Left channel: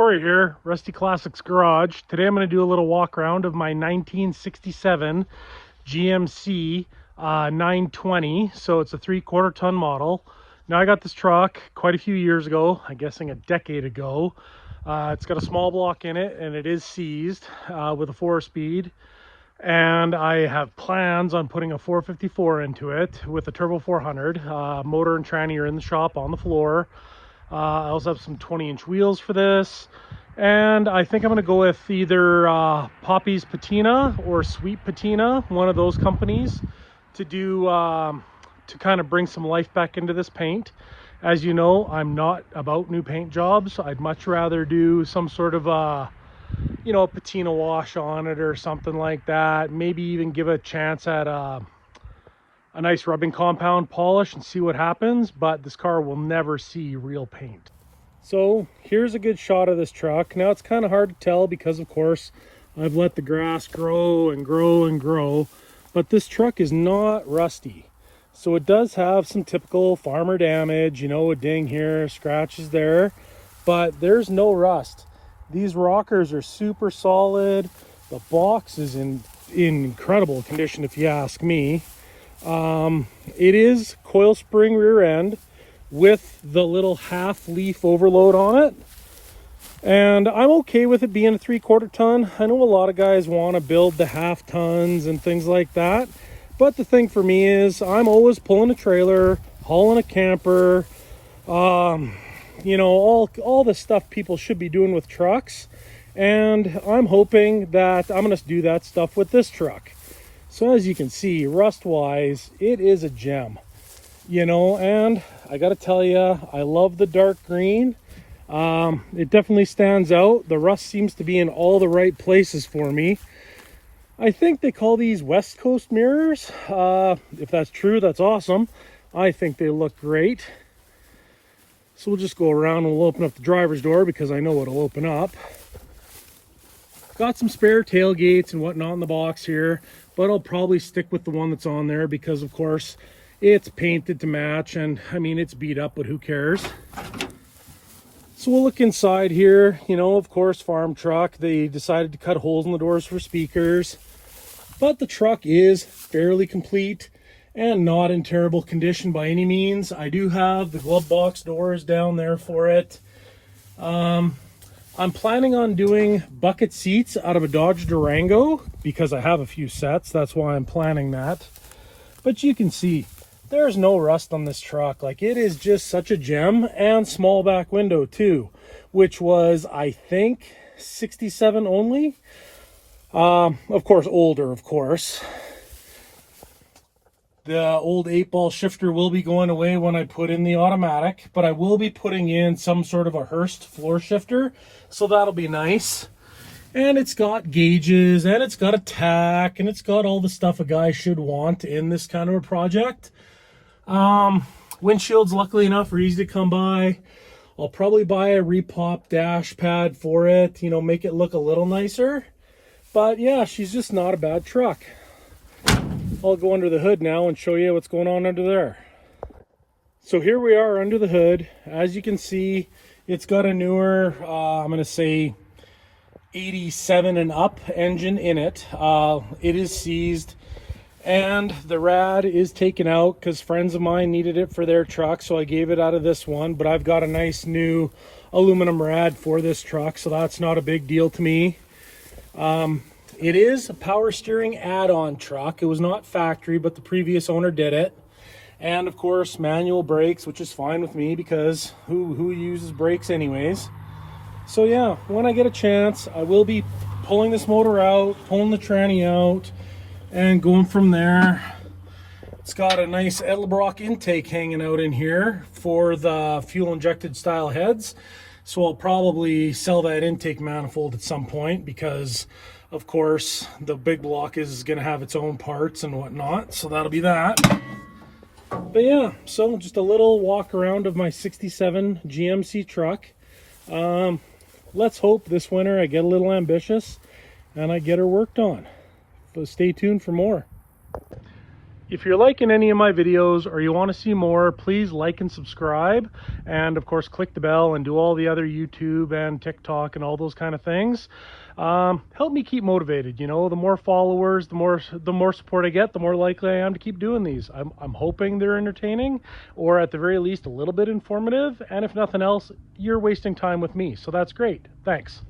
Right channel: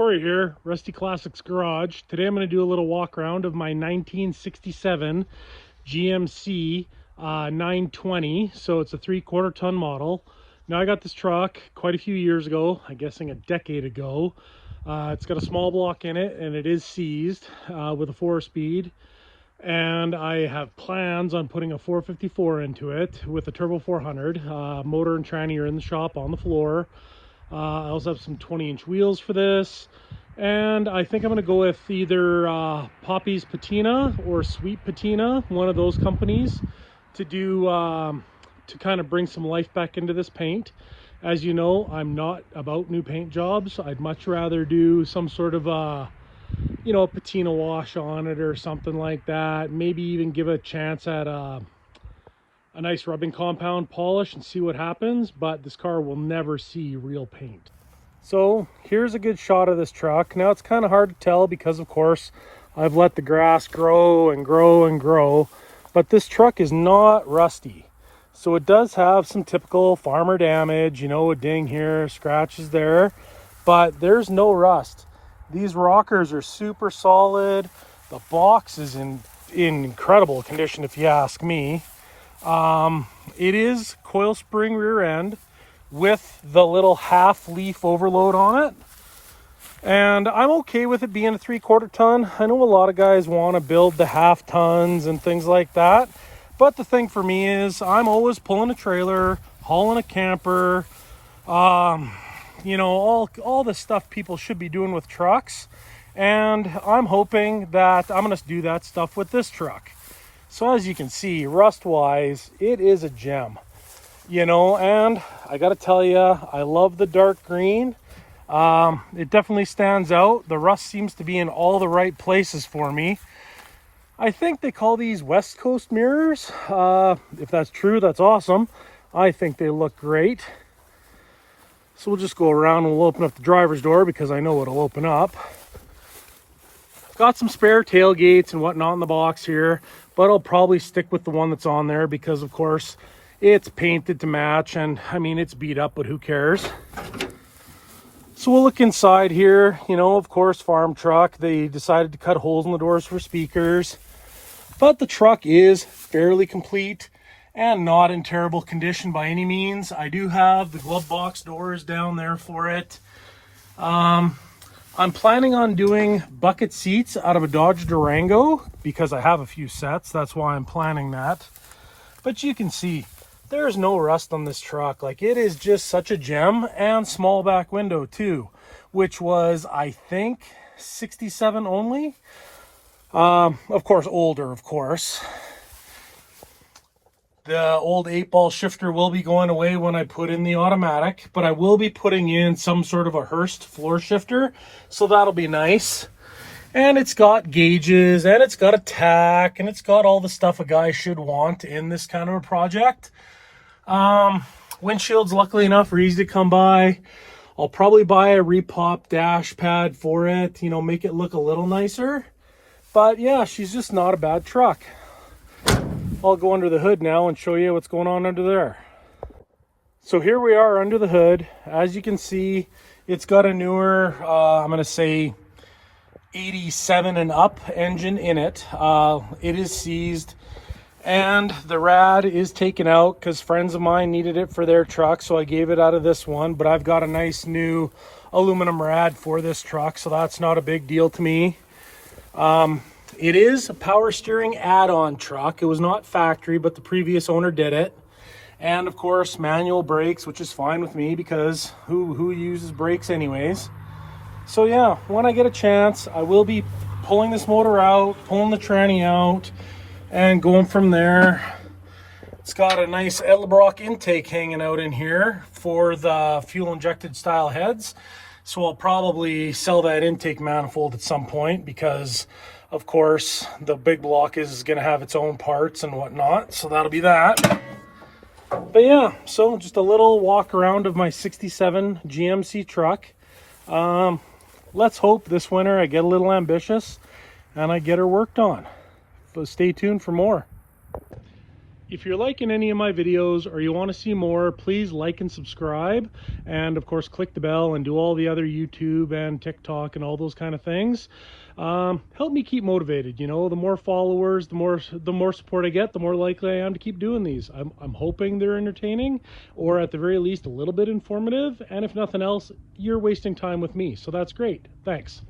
Corey here, Rusty Classics Garage. Today I'm going to do a little walk around of my 1967 GMC 920. So it's a 3/4 ton model. Now I got this truck quite a few years ago, I'm guessing a decade ago. It's got a small block in it and it is seized with a 4-speed. And I have plans on putting a 454 into it with a Turbo 400. Motor and tranny are in the shop on the floor. I also have some 20-inch wheels for this, and I think I'm going to go with either Poppy's Patina or Sweet Patina, one of those companies, to do to kind of bring some life back into this paint. As you know, I'm not about new paint jobs. I'd much rather do some sort of a patina wash on it or something like that. Maybe even give it a chance at a nice rubbing compound polish and see what happens, but this car will never see real paint. So here's a good shot of this truck. Now it's kind of hard to tell because of course I've let the grass grow and grow and grow, but this truck is not rusty. So it does have some typical farmer damage, a ding here, scratches there, but there's no rust. These rockers are super solid. The box is in incredible condition if you ask me. It is coil spring rear end with the little half leaf overload on it, and I'm okay with it being a 3/4 ton. I know a lot of guys want to build the half tons and things like that, but the thing for me is I'm always pulling a trailer, hauling a camper, all the stuff people should be doing with trucks, and I'm hoping that I'm going to do that stuff with this truck. So as you can see, rust wise, it is a gem, and I gotta tell you, I love the dark green. It definitely stands out. The rust seems to be in all the right places for me. I think they call these West Coast mirrors. If that's true, that's awesome. I think they look great. So we'll just go around and we'll open up the driver's door because I know it'll open up. Got some spare tailgates and whatnot in the box here, but I'll probably stick with the one that's on there because of course it's painted to match, and I mean it's beat up, but who cares. So we'll look inside here. Of course, farm truck. They decided to cut holes in the doors for speakers, but the truck is fairly complete and not in terrible condition by any means. I do have the glove box doors down there for it. I'm planning on doing bucket seats out of a Dodge Durango because I have a few sets. That's why I'm planning that. But you can see there's no rust on this truck. Like, it is just such a gem, and small back window too, which was, I think, 67 only. Of course, older, of course. The old 8-ball shifter will be going away when I put in the automatic, but I will be putting in some sort of a Hurst floor shifter, so that'll be nice. And it's got gauges, and it's got a tack, and it's got all the stuff a guy should want in this kind of a project. Windshields, luckily enough, are easy to come by. I'll probably buy a repop dash pad for it, make it look a little nicer. But yeah, she's just not a bad truck. I'll go under the hood now and show you what's going on under there. So here we are under the hood. As you can see, it's got a newer, I'm going to say 87 and up engine in it. It is seized, and the rad is taken out because friends of mine needed it for their truck, so I gave it out of this one. But I've got a nice new aluminum rad for this truck, so that's not a big deal to me. It is a power steering add-on truck. It was not factory, but the previous owner did it. And of course, manual brakes, which is fine with me because who uses brakes anyways? So yeah, when I get a chance, I will be pulling this motor out, pulling the tranny out, and going from there. It's got a nice Edelbrock intake hanging out in here for the fuel injected style heads. So I'll probably sell that intake manifold at some point because of course the big block is going to have its own parts and whatnot. So that'll be that. But yeah, so just a little walk around of my 67 GMC truck. Let's hope this winter I get a little ambitious and I get her worked on. So stay tuned for more. If you're liking any of my videos or you want to see more, please like and subscribe, and of course click the bell and do all the other YouTube and TikTok and all those kind of things. Help me keep motivated. You know, the more followers, the more support I get, the more likely I am to keep doing these. I'm hoping they're entertaining, or at the very least a little bit informative, and if nothing else, you're wasting time with me, so that's great. Thanks.